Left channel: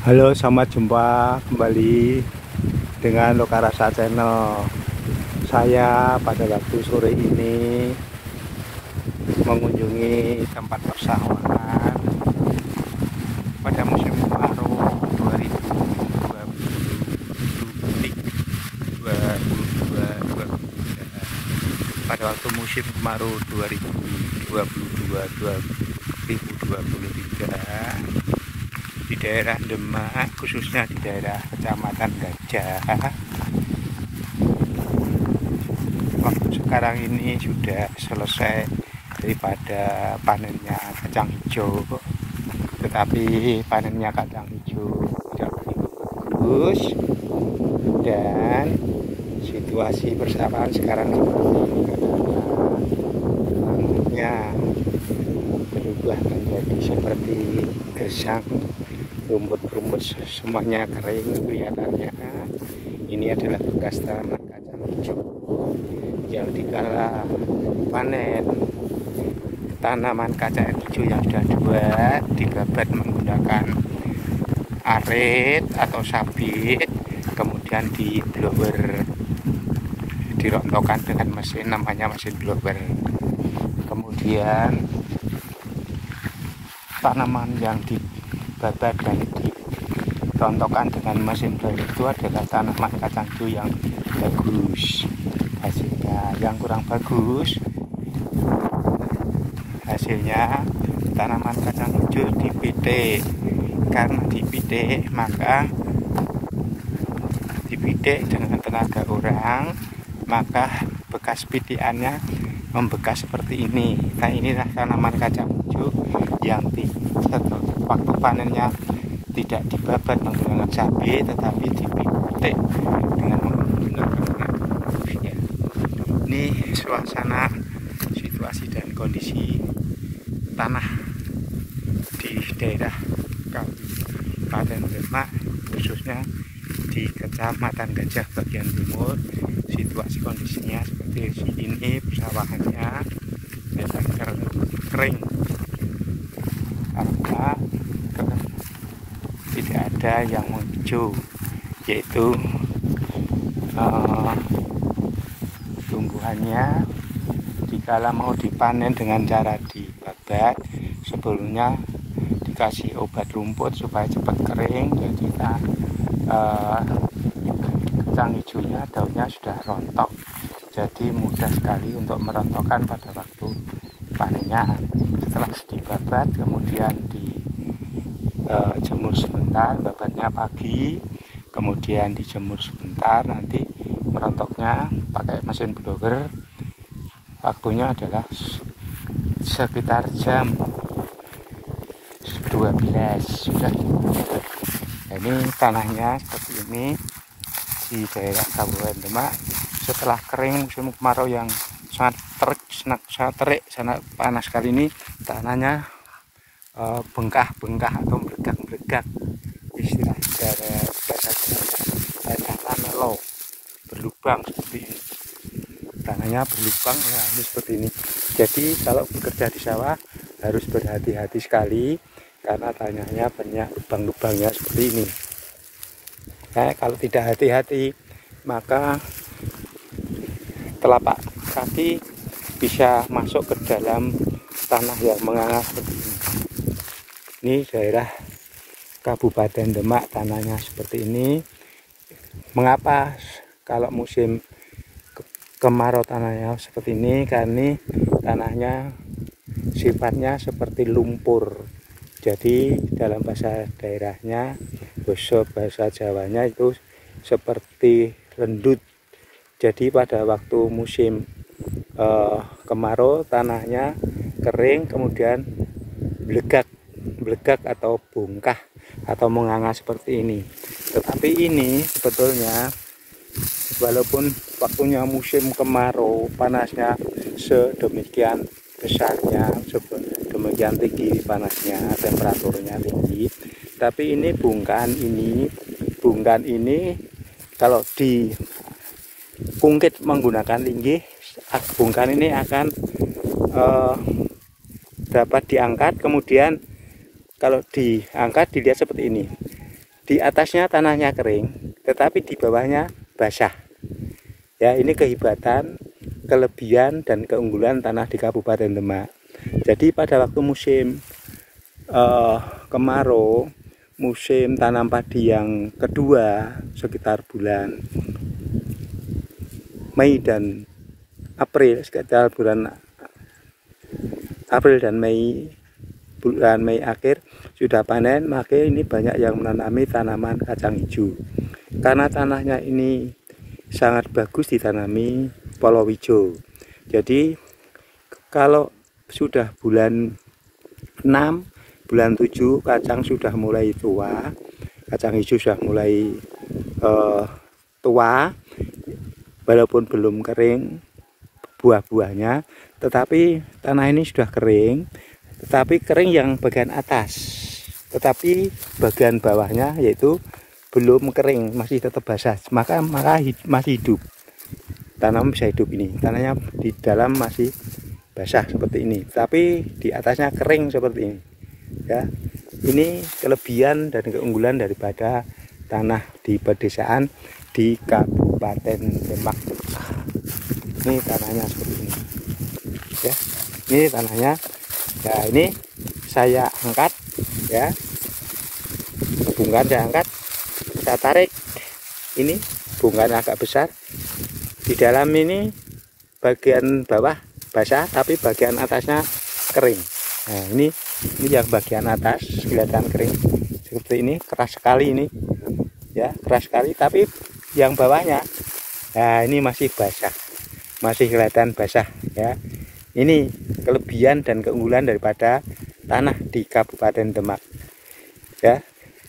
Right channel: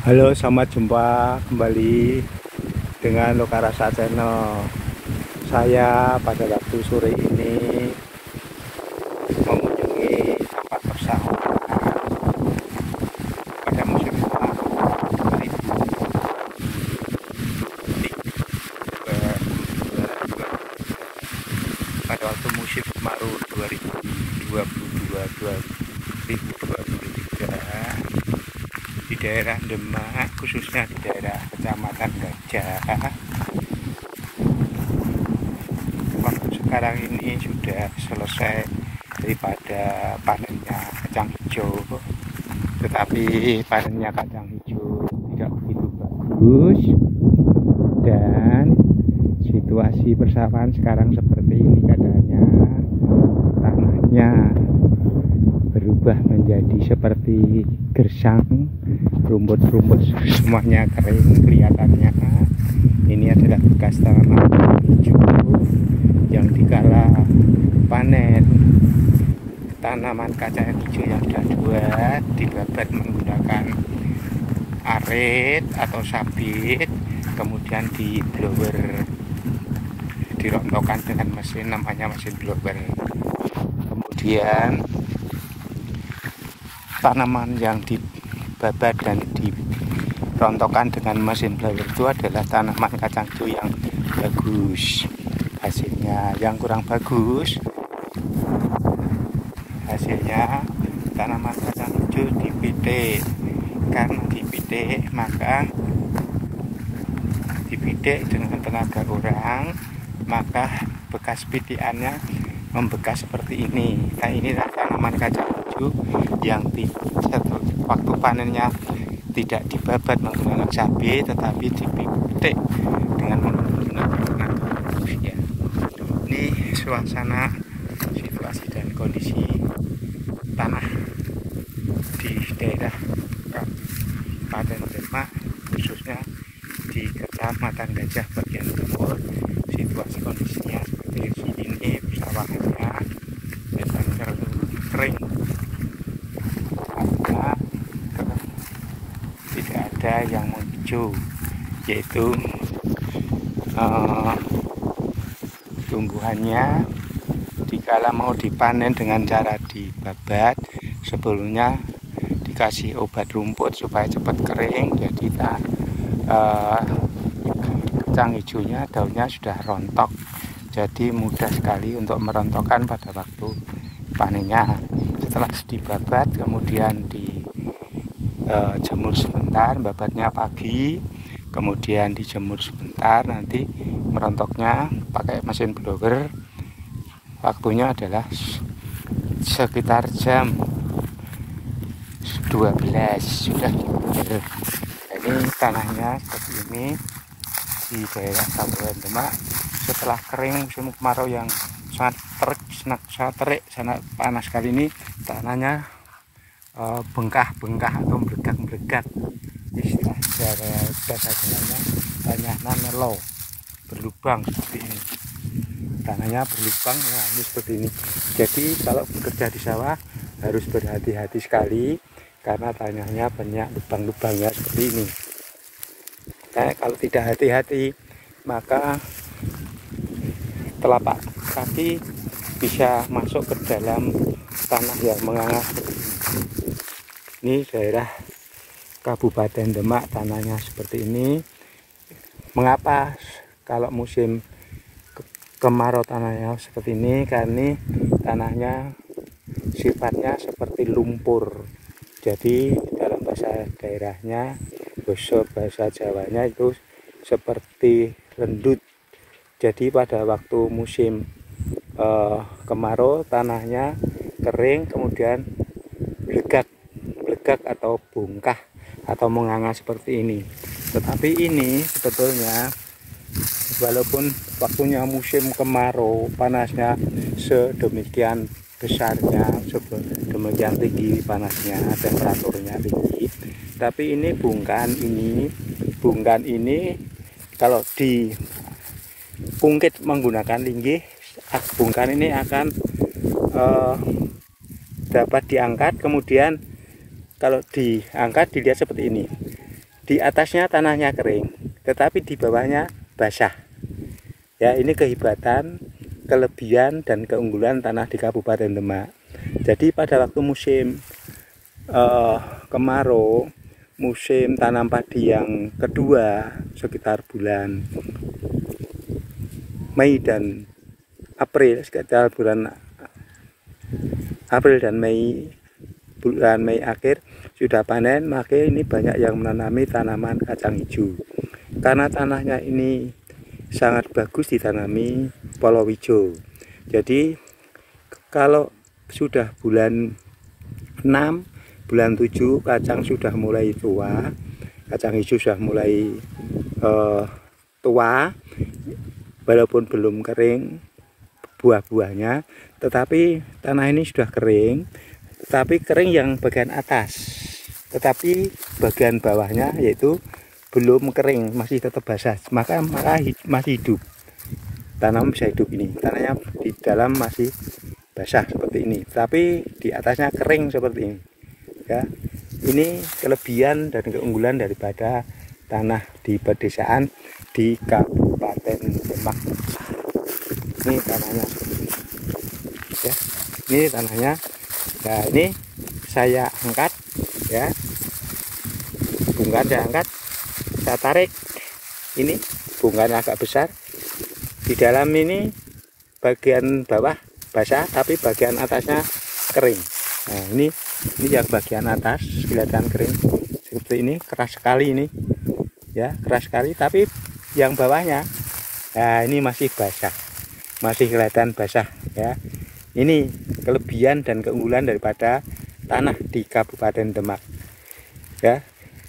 Halo, selamat jumpa kembali dengan Lokarasa Channel. Saya pada waktu sore ini mengunjungi tempat persawahan pada musim kemarau 2022. Pada waktu musim kemarau 2022-2023 di daerah Demak, khususnya di daerah Kecamatan Gajah. Waktu sekarang ini sudah selesai daripada panennya kacang hijau, tetapi panennya kacang hijau tidak begitu bagus, dan situasi persawahan sekarang seperti ini. Katanya tanahnya berubah menjadi seperti gersang, rumput-rumput semuanya kering kelihatannya. Ini adalah bekas tanaman hijau yang dikala panen tanaman kacang hijau yang sudah tua dibabat menggunakan arit atau sabit, kemudian di blower, dirontokkan dengan mesin, namanya mesin blower. Kemudian tanaman yang dibabat dan dirontokkan dengan mesin blower itu adalah tanaman kacang hijau yang bagus. Hasilnya yang kurang bagus, hasilnya tanaman kacang hijau dipitik. Karena dipitik, maka dipitik dengan tenaga orang, maka bekas pitikannya membekas seperti ini. Nah, inilah tanaman kacang hijau yang waktu panennya tidak dibabat menggunakan sabit, tetapi dipitik dengan menggunakan ya. Ini suasana, situasi dan kondisi tanah di daerah Kabupaten Demak, khususnya di Kecamatan Gajah bagian timur. Situasi kondisinya seperti ini, persawahannya memang kering karena tidak ada yang hijau, yaitu tumbuhannya dikala mau dipanen dengan cara dibabat, sebelumnya dikasih obat rumput supaya cepat kering. Jadi kacang hijaunya daunnya sudah rontok, jadi mudah sekali untuk merontokkan pada waktu panennya. Setelah dibabat kemudian dijemur sebentar, babatnya pagi, kemudian dijemur sebentar, nanti merontoknya pakai mesin blower. Waktunya adalah sekitar jam 12 sudah. Ini tanahnya seperti ini di daerah Kabupaten Demak. Setelah kering musim kemarau yang sangat terik, sangat panas kali ini, tanahnya bengkak-bengkak atau meregak-meregak. Istilah tanah nelo, berlubang seperti ini. Tanahnya berlubang, nah ini seperti ini. Jadi kalau bekerja di sawah harus berhati-hati sekali, karena tanahnya banyak lubang-lubangnya seperti ini. Nah, kalau tidak hati-hati, maka telapak kaki bisa masuk ke dalam tanah yang menganga seperti ini. Ini daerah Kabupaten Demak, tanahnya seperti ini. Mengapa kalau musim kemarau tanahnya seperti ini? Karena tanahnya sifatnya seperti lumpur. Jadi dalam bahasa daerahnya, bahasa Jawanya itu seperti rendut. Jadi pada waktu musim kemarau tanahnya kering, kemudian belegak atau bongkah atau menganga seperti ini. Tetapi ini sebetulnya walaupun waktunya musim kemarau, panasnya sedemikian besarnya, demikian tinggi panasnya, temperaturnya tinggi, tapi ini bungkan ini kalau dikungkit menggunakan linggih, bungkan ini akan dapat diangkat. Kemudian kalau diangkat dilihat seperti ini, di atasnya tanahnya kering, tetapi di bawahnya basah. Ya, ini kehebatan, kelebihan dan keunggulan tanah di Kabupaten Demak. Jadi pada waktu musim kemarau, musim tanam padi yang kedua sekitar bulan Mei dan April, sekitar bulan April dan Mei, bulan Mei akhir sudah panen, maka ini banyak yang menanami tanaman kacang hijau. Karena tanahnya ini sangat bagus ditanami palawija. Jadi kalau sudah bulan 6, bulan 7 kacang sudah mulai tua, kacang hijau sudah mulai tua, walaupun belum kering buah-buahnya, tetapi tanah ini sudah kering, tetapi kering yang bagian atas, tetapi bagian bawahnya yaitu belum kering, masih tetap basah, maka masih hidup. Tanam bisa hidup ini, tanahnya di dalam masih basah seperti ini, tapi di atasnya kering seperti ini. Ya, ini kelebihan dan keunggulan daripada tanah di pedesaan di Kabupaten Demak. Ini tanahnya seperti ini. Ya, ini tanahnya. Ya, ini saya angkat, ya, bungkahan saya angkat, saya tarik. Ini bungkahan agak besar. Di dalam ini bagian bawah basah, tapi bagian atasnya kering. Nah, ini yang bagian atas kelihatan kering seperti ini, keras sekali ini, ya, keras sekali. Tapi yang bawahnya, nah, ini masih basah, masih kelihatan basah. Ya, ini kelebihan dan keunggulan daripada tanah di Kabupaten Demak. Ya,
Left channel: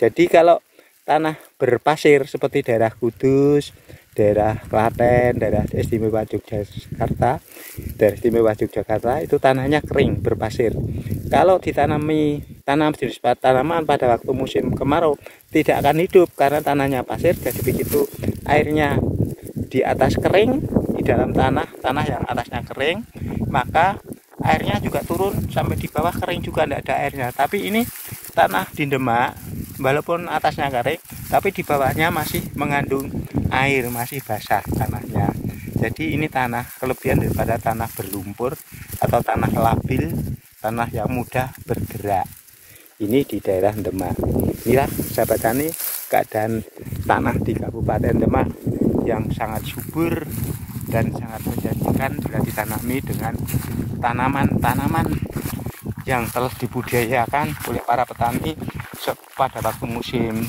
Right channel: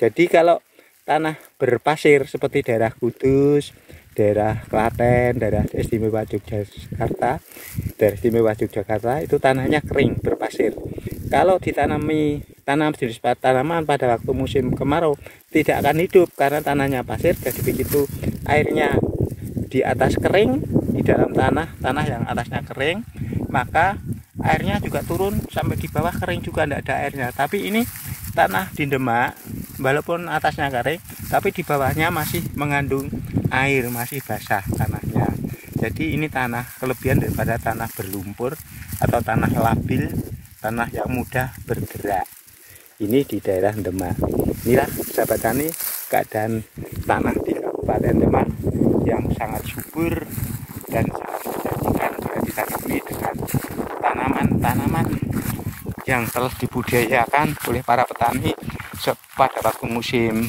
jadi kalau tanah berpasir seperti daerah Kudus, daerah Klaten, daerah istimewa Yogyakarta, daerah istimewa Yogyakarta itu tanahnya kering berpasir. Kalau ditanami jenis tanaman pada waktu musim kemarau tidak akan hidup karena tanahnya pasir. Jadi begitu airnya di atas kering, di dalam tanah yang atasnya kering, maka airnya juga turun sampai di bawah kering juga, tidak ada airnya. Tapi ini tanah di Demak, walaupun atasnya kering, tapi di bawahnya masih mengandung air, masih basah tanahnya. Jadi ini tanah kelebihan daripada tanah berlumpur atau tanah labil, tanah yang mudah bergerak. Ini di daerah Demak. Inilah sahabat tani keadaan tanah di Kabupaten Demak yang sangat subur dan sangat menjanjikan bila ditanami dengan tanaman-tanaman yang telah dibudidayakan oleh para petani pada waktu musim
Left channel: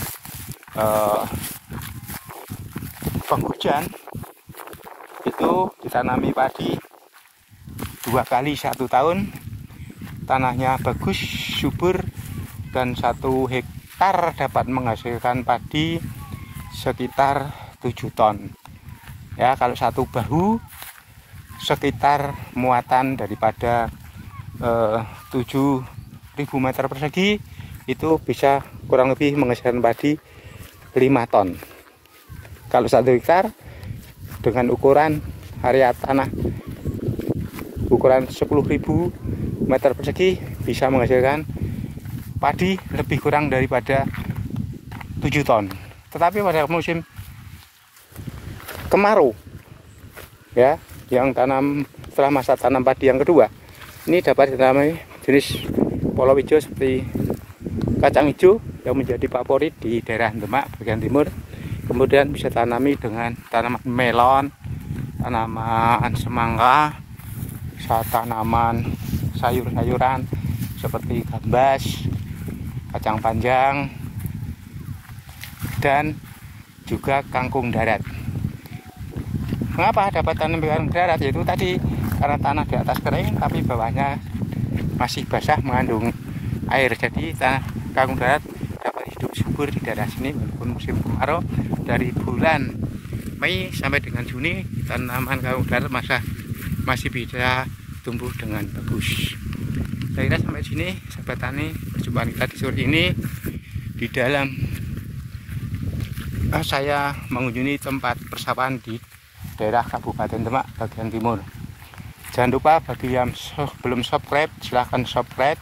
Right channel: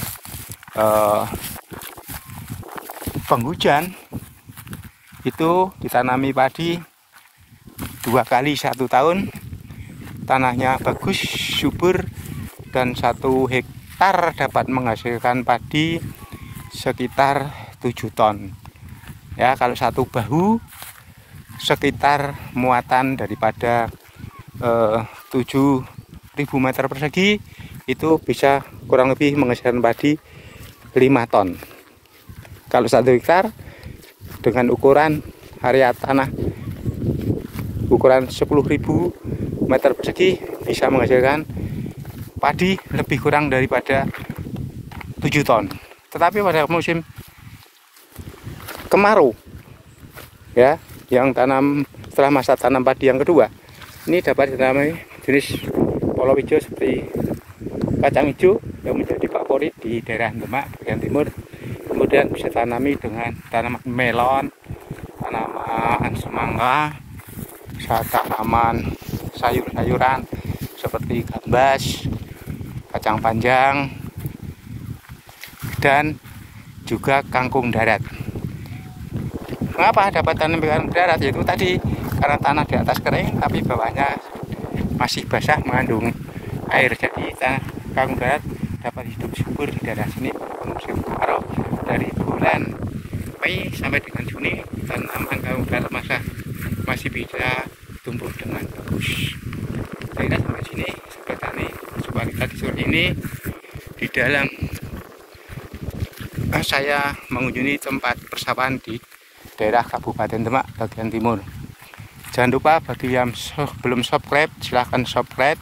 penghujan. Itu ditanami padi 2 kali 1 tahun, tanahnya bagus, subur, dan 1 hektar dapat menghasilkan padi sekitar 7 ton. Ya, kalau 1 bahu sekitar muatan daripada 7.000 meter persegi itu bisa kurang lebih menghasilkan padi 5 ton. Kalau 1 hektar dengan ukuran area tanah ukuran 10.000 meter persegi bisa menghasilkan padi lebih kurang daripada 7 ton. Tetapi pada musim kemarau, ya, yang setelah masa tanam padi yang kedua, ini dapat ditanami jenis palawija seperti kacang hijau yang menjadi favorit di daerah Demak bagian timur. Kemudian bisa tanami dengan tanaman melon, tanaman semangka, tanaman sayur-sayuran seperti gambas, kacang panjang, dan juga kangkung darat. Mengapa dapat tanam kangkung darat? Yaitu tadi karena tanah di atas kering tapi bawahnya masih basah mengandung air. Jadi tanah kangkung darat dapat hidup subur di daerah sini musim kemarau. Dari bulan Mei sampai dengan Juni tanaman kangkung darat masih bisa tumbuh dengan bagus. Saya kira sampai sini sahabat tani, jumpa kita di sore ini di dalam saya mengunjungi tempat persawahan di daerah Kabupaten Demak bagian timur. Jangan lupa bagi yang belum subscribe, silahkan subscribe,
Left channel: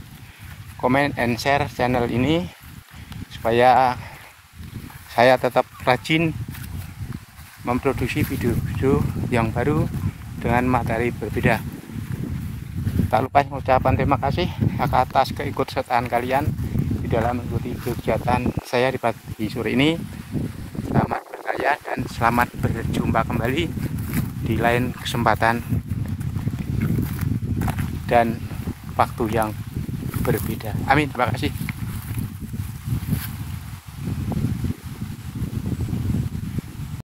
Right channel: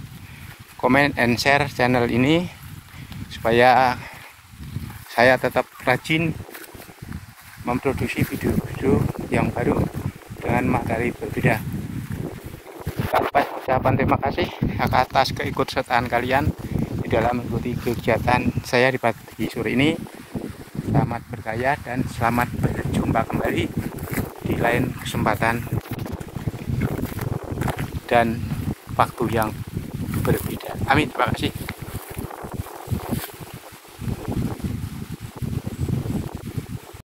comment, and share channel ini supaya saya tetap rajin memproduksi video-video yang baru dengan materi berbeda. Tak lupa ucapan terima kasih atas keikutsertaan kalian di dalam mengikuti kegiatan saya di pagi sore ini. Selamat berkarya dan selamat berjumpa kembali di lain kesempatan dan waktu yang berbeda. Amin. Terima kasih.